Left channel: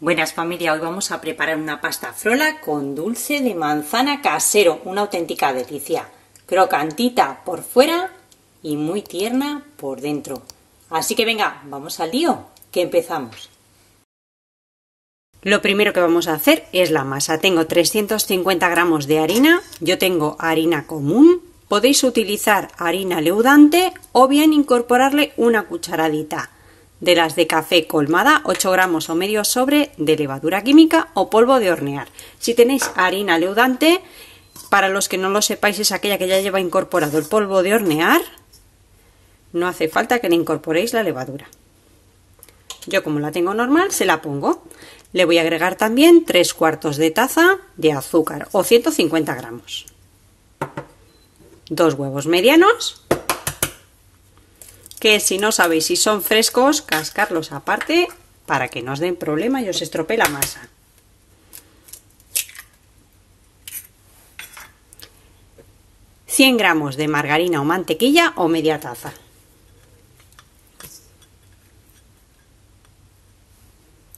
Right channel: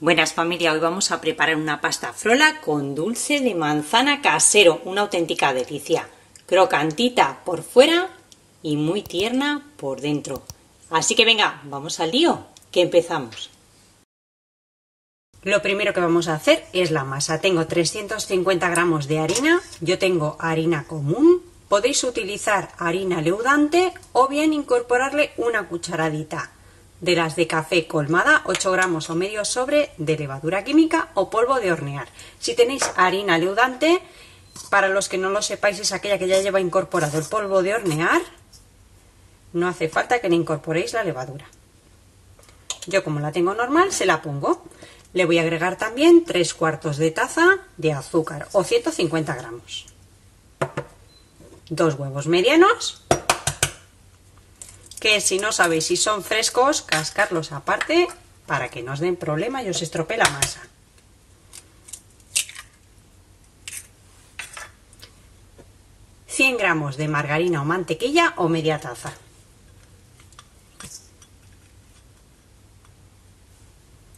Buenas familia, hoy vamos a preparar una pasta frola con dulce de manzana casero, una auténtica delicia, crocantita por fuera y muy tierna por dentro. Así que venga, vamos al lío, que empezamos. Lo primero que vamos a hacer es la masa. Tengo 350 gramos de harina, yo tengo harina común, podéis utilizar harina leudante o bien incorporarle una cucharadita de las de café colmada, 8 gramos o medio sobre de levadura química o polvo de hornear. Si tenéis harina leudante, para los que no lo sepáis, es aquella que ya lleva incorporado el polvo de hornear, no hace falta que le incorporéis la levadura. Yo, como la tengo normal, se la pongo. Le voy a agregar también 3/4 de taza de azúcar o 150 gramos. 2 huevos medianos, que si no sabéis si son frescos, cascarlos aparte para que no os den problema y os estropee la masa. $100 gramos de margarina o mantequilla o media taza.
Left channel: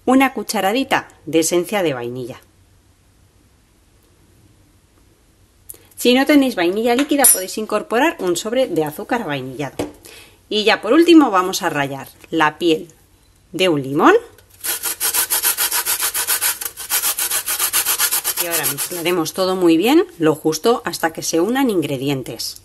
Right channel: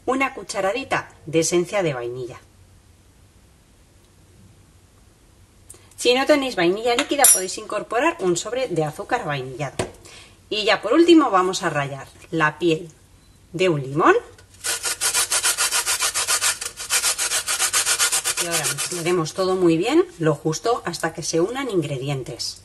Una cucharadita de esencia de vainilla. Si no tenéis vainilla líquida, podéis incorporar un sobre de azúcar vainillado. Y ya por último vamos a rallar la piel de un limón. Y ahora mezclaremos todo muy bien, lo justo hasta que se unan ingredientes.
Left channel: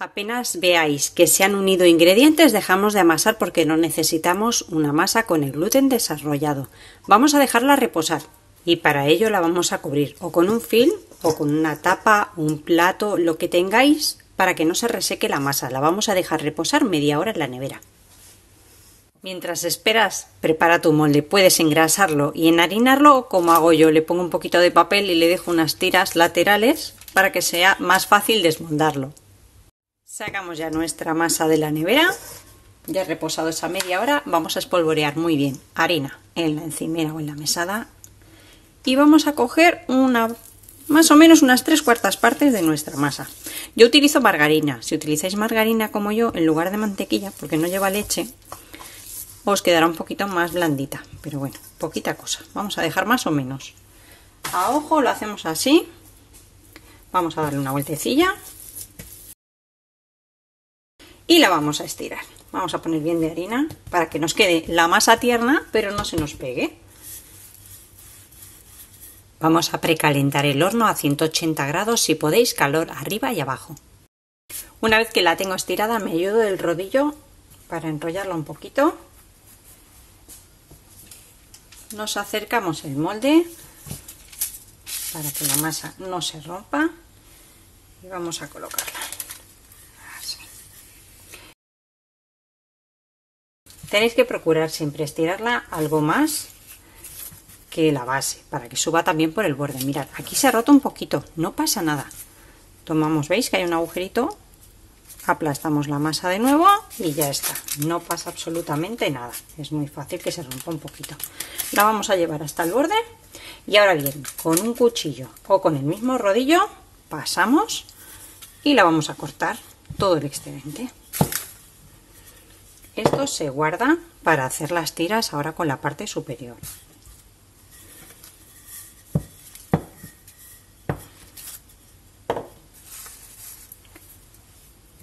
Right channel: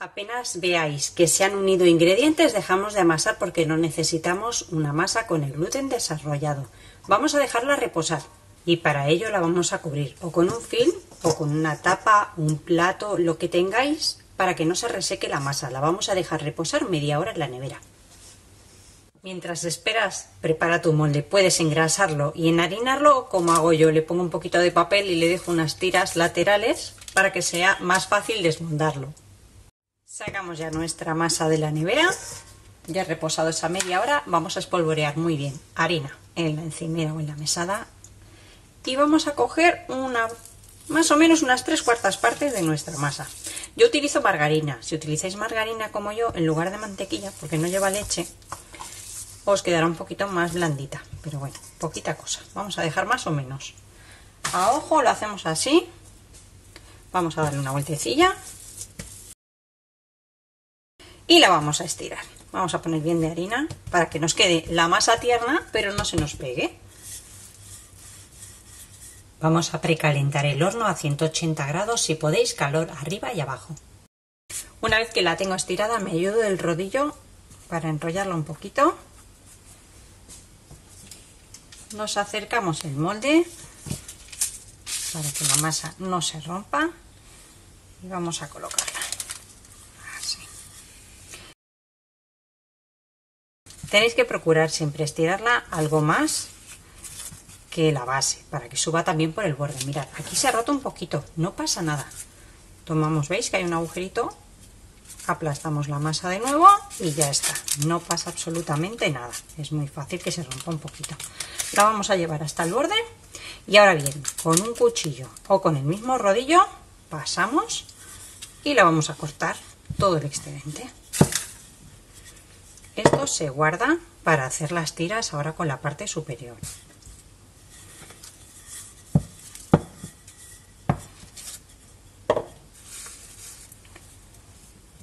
Apenas veáis que se han unido ingredientes, dejamos de amasar porque no necesitamos una masa con el gluten desarrollado. Vamos a dejarla reposar y para ello la vamos a cubrir o con un film o con una tapa, un plato, lo que tengáis para que no se reseque la masa. La vamos a dejar reposar media hora en la nevera. Mientras esperas, prepara tu molde. Puedes engrasarlo y enharinarlo como hago yo. Le pongo un poquito de papel y le dejo unas tiras laterales para que sea más fácil desmontarlo. Sacamos ya nuestra masa de la nevera, ya reposado esa media hora. Vamos a espolvorear muy bien harina en la encimera o en la mesada y vamos a coger más o menos unas 3/4 partes de nuestra masa. Yo utilizo margarina. Si utilizáis margarina como yo en lugar de mantequilla, porque no lleva leche, os quedará un poquito más blandita, pero bueno, poquita cosa. Vamos a dejar más o menos a ojo, lo hacemos así. Vamos a darle una vueltecilla y la vamos a estirar. Vamos a poner bien de harina para que nos quede la masa tierna pero no se nos pegue. Vamos a precalentar el horno a 180 grados, si podéis, calor arriba y abajo. Una vez que la tengo estirada, me ayudo del rodillo para enrollarla un poquito. Nos acercamos el molde para que la masa no se rompa y vamos a colocarla. Tenéis que procurar siempre estirarla algo más que la base, para que suba también por el borde. Mirad, aquí se ha roto un poquito, no pasa nada. Tomamos, veis que hay un agujerito, aplastamos la masa de nuevo y ya está. No pasa absolutamente nada, es muy fácil que se rompa un poquito. La vamos a llevar hasta el borde y ahora bien, con un cuchillo o con el mismo rodillo, pasamos y la vamos a cortar todo el excedente. Esto se guarda para hacer las tiras ahora con la parte superior.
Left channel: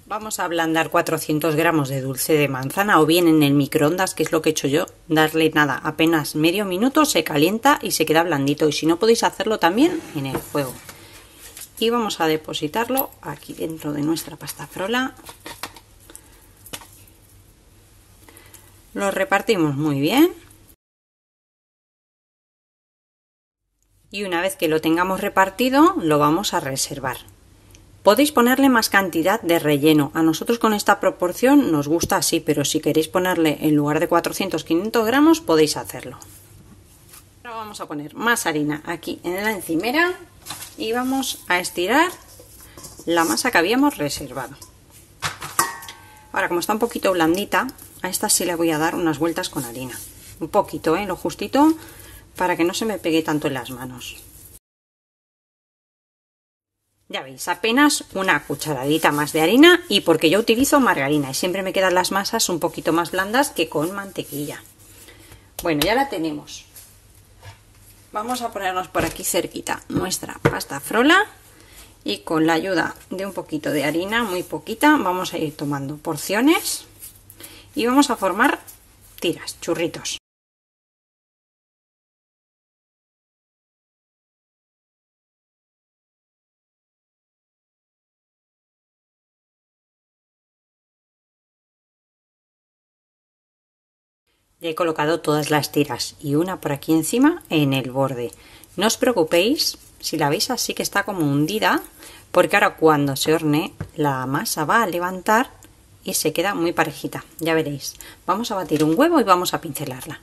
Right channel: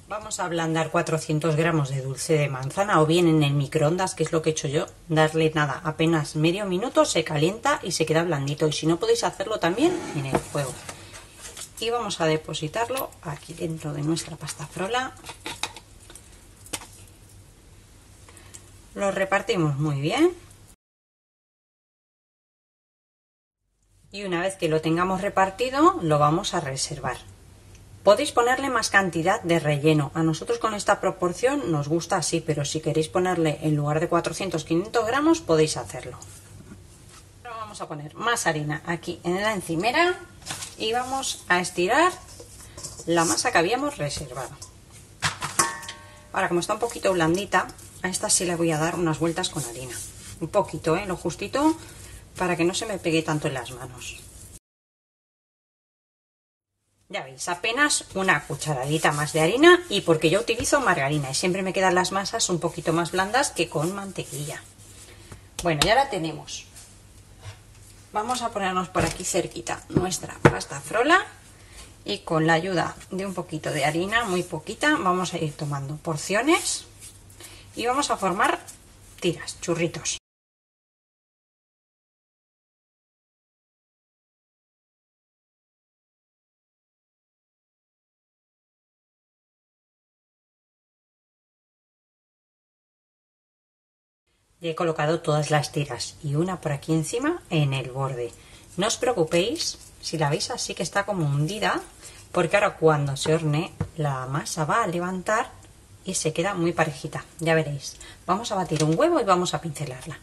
Vamos a ablandar 400 gramos de dulce de manzana o bien en el microondas, que es lo que he hecho yo. Darle nada, apenas medio minuto, se calienta y se queda blandito. Y si no, podéis hacerlo también en el fuego. Y vamos a depositarlo aquí dentro de nuestra pasta frola. Lo repartimos muy bien y una vez que lo tengamos repartido lo vamos a reservar. Podéis ponerle más cantidad de relleno. A nosotros con esta proporción nos gusta así, pero si queréis ponerle en lugar de 400-500 gramos podéis hacerlo. Ahora vamos a poner más harina aquí en la encimera y vamos a estirar la masa que habíamos reservado. Ahora, como está un poquito blandita, a esta sí le voy a dar unas vueltas con harina. Un poquito, lo justito, para que no se me pegue tanto en las manos. Ya veis, apenas una cucharadita más de harina y porque yo utilizo margarina y siempre me quedan las masas un poquito más blandas que con mantequilla. Bueno, ya la tenemos. Vamos a ponernos por aquí cerquita nuestra pasta frola y con la ayuda de un poquito de harina, muy poquita, vamos a ir tomando porciones y vamos a formar tiras, churritos. Ya he colocado todas las tiras y una por aquí encima en el borde. No os preocupéis si la veis así que está como hundida, porque ahora cuando se hornee la masa va a levantar y se queda muy parejita. Ya veréis. Vamos a batir un huevo y vamos a pincelarla.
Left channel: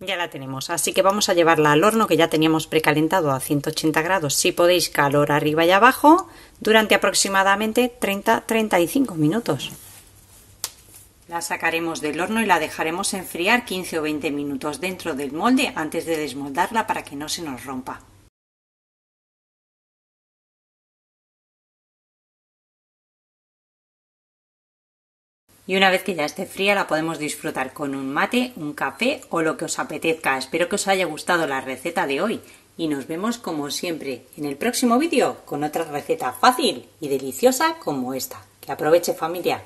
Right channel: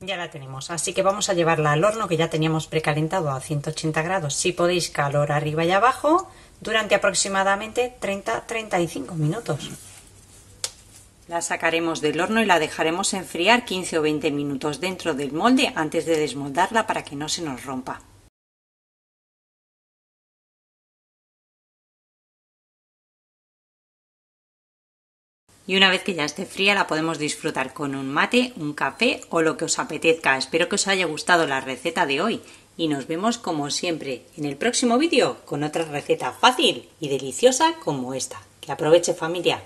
Ya la tenemos, así que vamos a llevarla al horno que ya teníamos precalentado a 180 grados, si podéis calor arriba y abajo, durante aproximadamente 30-35 minutos. La sacaremos del horno y la dejaremos enfriar 15 o 20 minutos dentro del molde antes de desmoldarla para que no se nos rompa. Y una vez que ya esté fría la podemos disfrutar con un mate, un café o lo que os apetezca. Espero que os haya gustado la receta de hoy y nos vemos como siempre en el próximo vídeo con otra receta fácil y deliciosa como esta. Que aproveche, familia.